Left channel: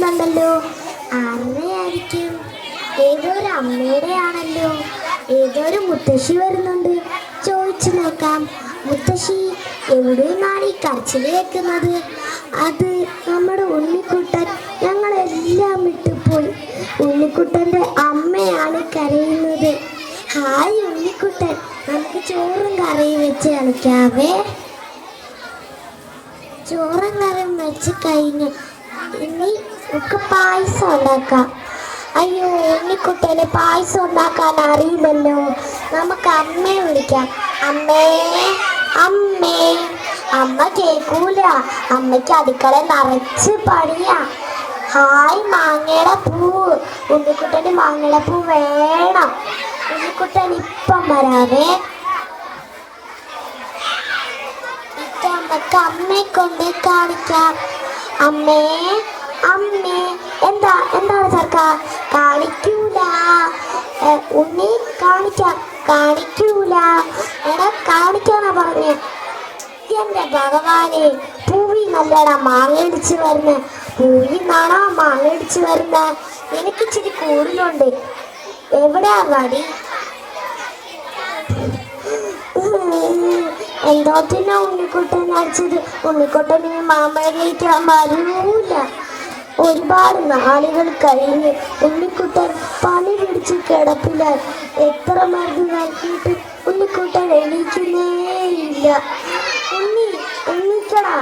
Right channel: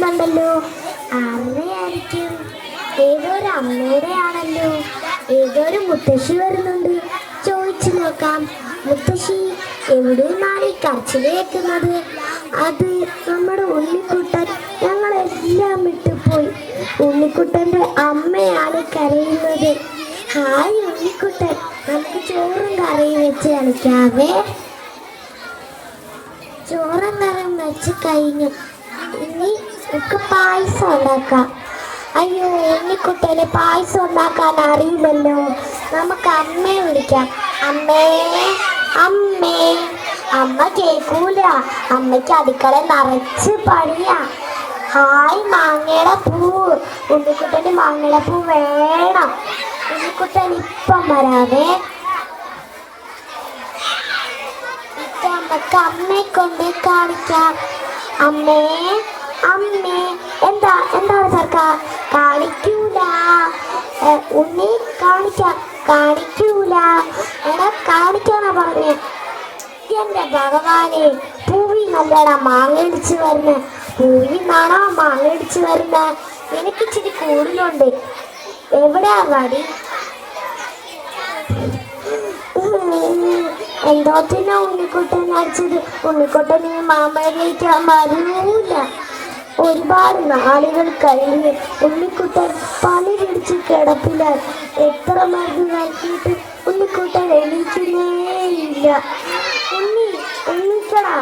വരുന്നുണ്ടല്ലോ. ആരുടെയായിരിക്കും? ഏതൊരു അമ്മയുടെ ആണല്ലോ. ഏതൊരു മുത്തശ്ശി വരുന്നുണ്ട്. ചോദിച്ചു നോക്കാം. മുത്തശ്ശി, എവിടെ നിന്നാണ് ഈ കരച്ചിൽ കേൾക്കുന്നത്? അത് നമ്മുടെ ഉണ്ണിക്കുട്ടൻ ഞങ്ങളെല്ലാം വിട്ടുപോയി. ഉണ്ണിക്കുട്ടൻ്റെ അമ്മയാണ് കരയുന്നത്. ഹായ് ഉണ്ണിക്കുട്ടൻ, നമുക്ക് ചോറും കറിയും വെച്ച് കളിക്കാവേ. ചോറും കറിയും വെച്ച് കഴിഞ്ഞു. ഇനി നമുക്ക് പായസം ഉണ്ടാക്കാം. അയ്യോ, ഉണ്ണിക്കുട്ടന് പായസം ഉണ്ടാക്കാൻ അറിയുമല്ലോ. നമുക്ക് അമ്മയെ വിളിക്കാം. അമ്മേ, അമ്മേ. അമ്മ കേൾക്കൂല. അമ്മയ്ക്ക് അടുക്കള നിറച്ച് പണിയാ. ഹായ് മാങ്ങയുടെ പൂവ്. ഉണ്ണിക്കുട്ടന് മാങ്ങയുടെ പൂ വേണം. ഉണ്ണിക്കുട്ടൻ ഇപ്പം വരാവേ. നമുക്ക് അമ്മയെ കൊണ്ട് കാണിക്കാം. അമ്മേ, അമ്മേ. എന്താണ് ചേർക്ക? കാണിക്കൂല. ഉണ്ണി കാണിക്കാം. കാണിക്കൂല. എടാ കാണിക്കാന്നാ പറഞ്ഞേ. എന്റെ ഭഗവാനെ, പൂവി നല്ലടാ മാങ്ങ ഇടിച്ച് വരുന്നേ. പൂവി നാണോ മാങ്ങ ഇടിച്ച് വരുന്നേ? എനിക്ക് ഇച്ചിരി കൂടുതലുണ്ട്. എവിടെയാ വടി? എന്തോത്തിനാ ഉണ്ണിക്കുട്ടൻ അടിച്ചത്? ഉണ്ണിക്കുട്ടൻ ഈ മാമ്പഴത്തേക്ക് വരൂല. ഒരുപാട് നാളുകൾ കഴിഞ്ഞ് ഉണ്ണിക്കുട്ടൻ പനി പിടിച്ച് കിടപ്പില്ല. എത്ര മരുന്ന് നൽകിയിട്ട് ഉണ്ണിക്കുട്ടൻ എണീക്കുന്നേയില്ല. ഉണ്ണിക്കടാ,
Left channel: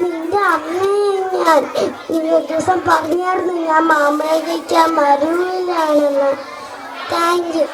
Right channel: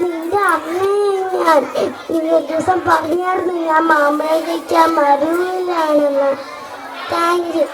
നിന്റെ അമ്മയെ ഞാൻ ദിവസം പറഞ്ഞായിരുന്നു ഞാൻ മാമ്പഴത്തേക്ക് വരൂലാണെന്ന്. Thank you.